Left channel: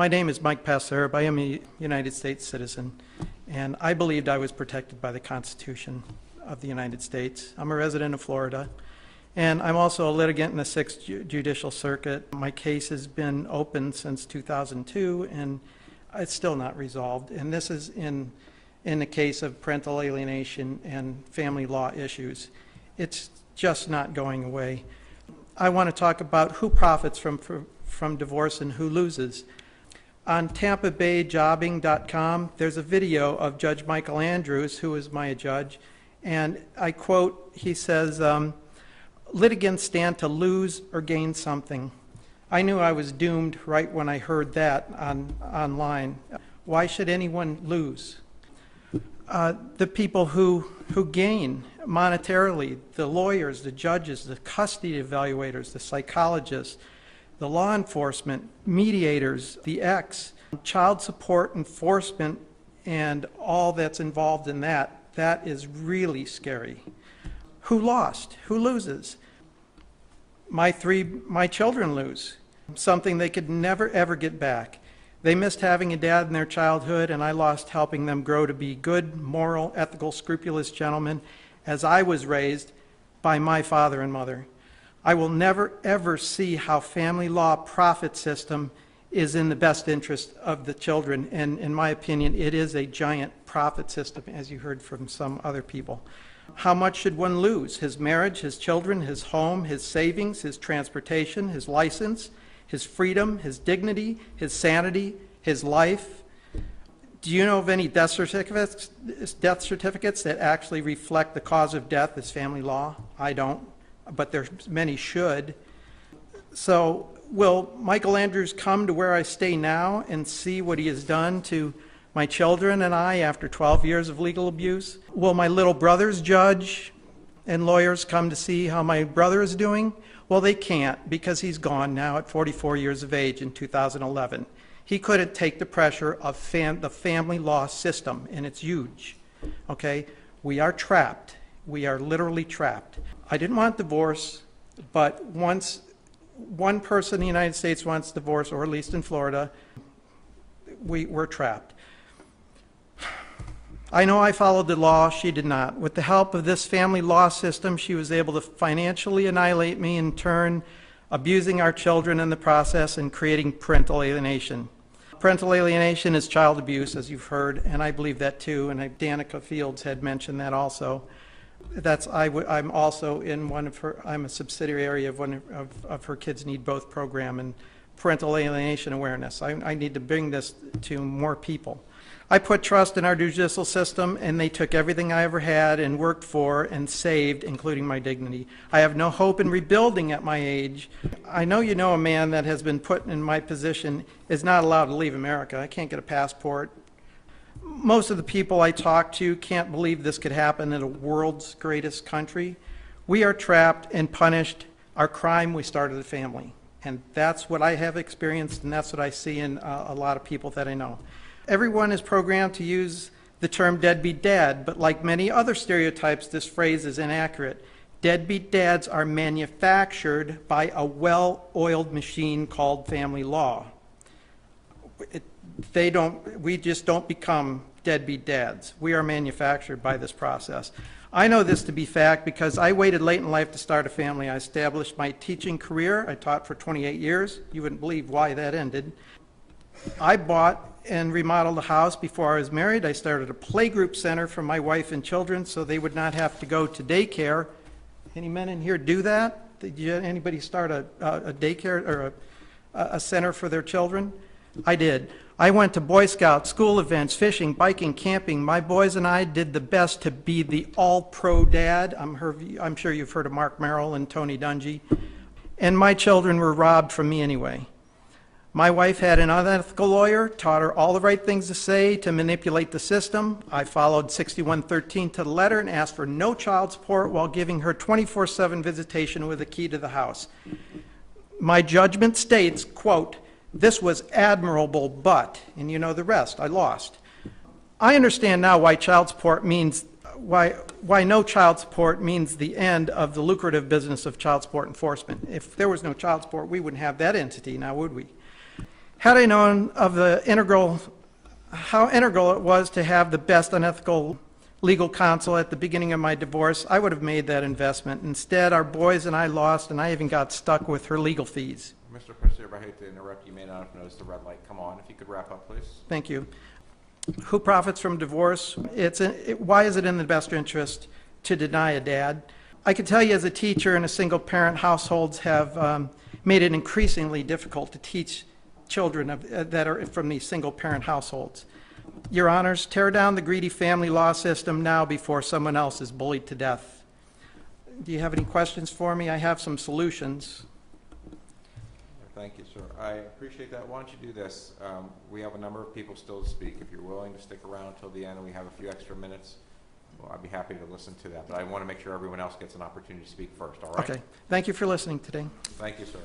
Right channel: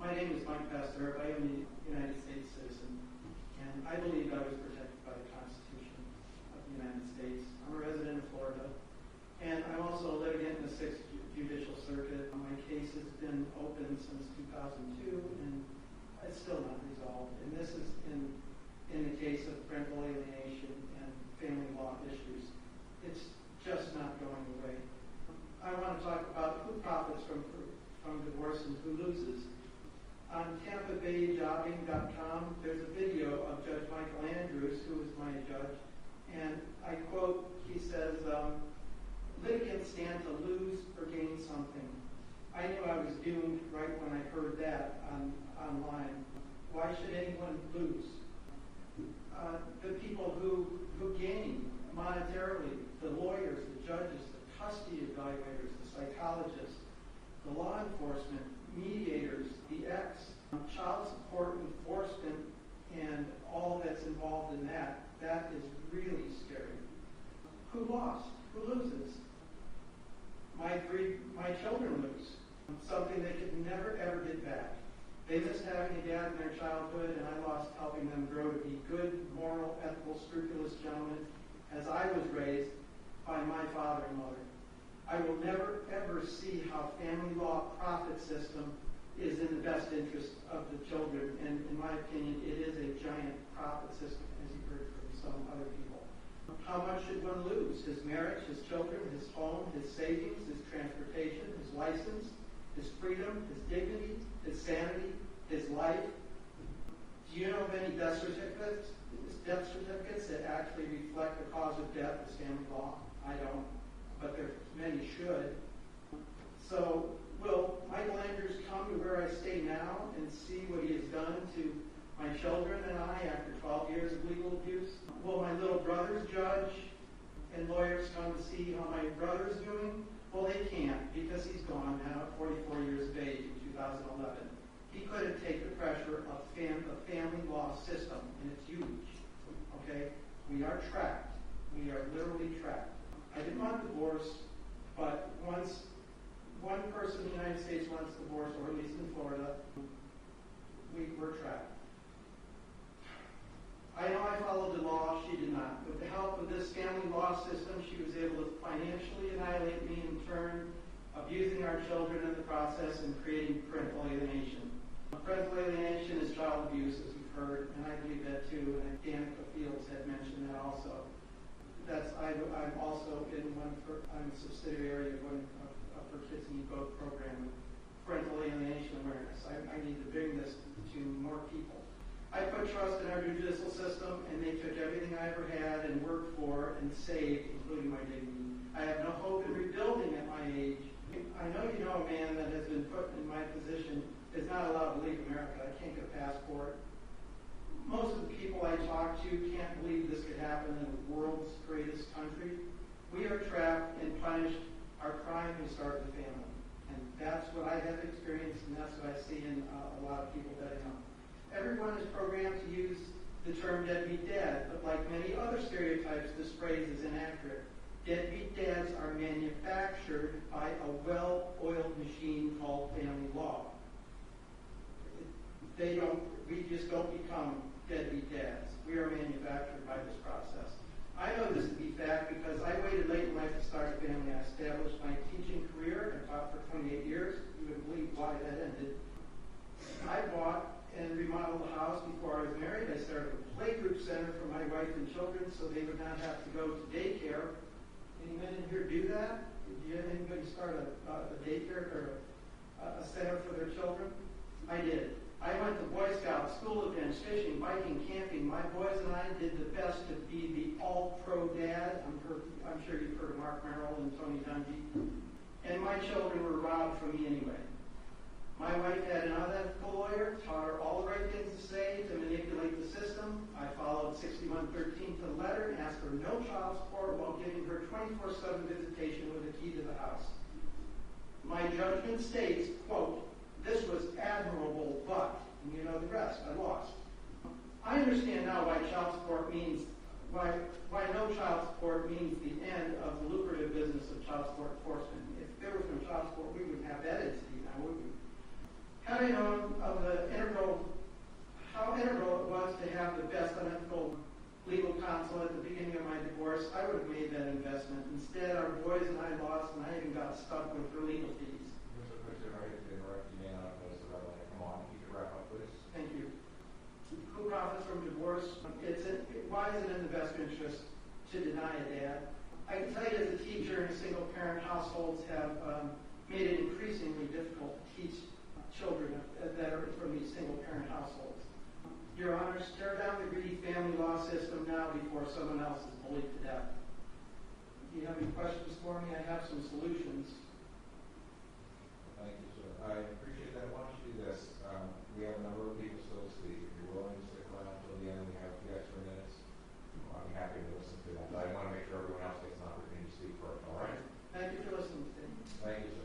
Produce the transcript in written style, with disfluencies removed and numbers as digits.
My name is Mike Pasierb. I am a United States citizen, and I believed I was protected by the Constitution of the United States. I'm a resident of Florida, and I'm also a litigant in the 6th Judicial Circuit. My case has been open since 2002, and it's still not resolved. And this is in the case of parental alienation and family law issues. It's just not going away. I want to talk about who profits from divorce and who loses. On TampaBayJobbing.com, there's a video of Judge Michael Andrews, who is my judge, and I quote, he says, litigants stand to lose or gain something. I knew I was doomed right when I heard that online. Why should anyone lose? The people who gain monetarily, the lawyers, the judges, the custody evaluators, the psychologists, the law enforcement, mediators, the ex, child support enforcement, and all that's involved in that, that is really scary. Who lost? Who loses? My children lose, something they could never ever get back. They missed having a dad in their childhood, and I lost helping them grow to be good, moral, ethical, scrupulous gentlemen, as I was raised by my father and mother. I will never, ever see how family law profit system is in the best interest of the children. And in my opinion, it is a giant profit system, as you heard from some other people. How much should one lose? His marriage, his children, his home, his savings, his transportation, his license, his freedom, his dignity, his sanity, his life. Do you know of any death certificates that actually reflect the cause of death as family law? I don't, but many should. So will Michael Andrews come to where I stay now and see what he has done to my children and I after 12 years of legal abuse? Will my little brother's judge and lawyers come to see how my brother is doing? Well, they can't, because he's gone now at 44 years of age in 2011. He couldn't take the pressure of the family law system, and it's huge, okay? We are trapped. We are literally trapped. I didn't want divorce, but once one person in the United States wants divorce, or at least in Florida, we're trapped. I know I followed the law, she did not. With the help of this family law system, she was able to financially annihilate me, in turn abusing our children in the process and creating parental alienation. Parental alienation is child abuse, as you've heard, and I believe that too, and Danica Fields had mentioned that also. I'm also in one of her, I'm a subsidiary of one of her Kids Need Both program and parental alienation awareness. I need to bring this to more people. I put trust in our judicial system, and they took everything I ever had and worked for and saved, including my dignity. I have no hope in rebuilding at my age. I know you know a man that has been put in my position is not allowed to leave America. I can't get a passport. Most of the people I talk to can't believe this could happen in the world's greatest country. We are trapped and punished. Our crime, we started a family. And that's what I have experienced, and that's what I see in a lot of people that I know. Everyone is programmed to use the term deadbeat dad, but like many other stereotypes, this phrase is inaccurate. Deadbeat dads are manufactured by a well-oiled machine called family law. We just don't become deadbeat dads. We are manufactured by this process. I know this to be fact because I waited late in life to start a family. I established my teaching career. I taught for 28 years. You wouldn't believe why that ended. I bought and remodeled a house before I was married. I started a playgroup center for my wife and children so they would not have to go to daycare. Any men in here do that? Did anybody start a daycare or a center for their children? I did. I went to Boy Scouts, school events, fishing, biking, camping. My boys and I did the best to be the all-pro dad. I'm sure you've heard of Mark Merrill and Tony Dungy. And my children were robbed from me anyway. My wife had an unethical lawyer, taught her all the right things to say to manipulate the system. I followed 6113 to the letter and asked for no child support while giving her 24/7 visitation with a key to the house. My judgment states, quote, "This was admirable, but," and you know the rest, I lost. I understand now why no child support means the end of the lucrative business of child support enforcement. If there was no child support, we wouldn't have that entity now, would we? Had I known of how integral it was to have the best unethical legal counsel at the beginning of my divorce, I would have made that investment. Instead, our boys and I lost, and I even got stuck with her legal fees. Mr. Pasierb, I hate to interrupt. You may not have noticed the red light come on. If you could wrap up, please. Thank you. Who profits from divorce? Why is it in the best interest to deny a dad? I can tell you as a teacher in a single-parent households have made it increasingly difficult to teach children that are from these single-parent households. Your Honors, tear down the greedy family law system now before someone else is bullied to death. Do you have any questions for me? I have some solutions. Thank you, sir. I appreciate that. Why don't you do this? We have a number of people still to speak. If you're willing to stick around until the end, we have a few extra minutes. Well, I'd be happy to listen to that, but I want to make sure everyone else gets an opportunity to speak first, all right? Okay. Thank you for listening today. Thank you, sir.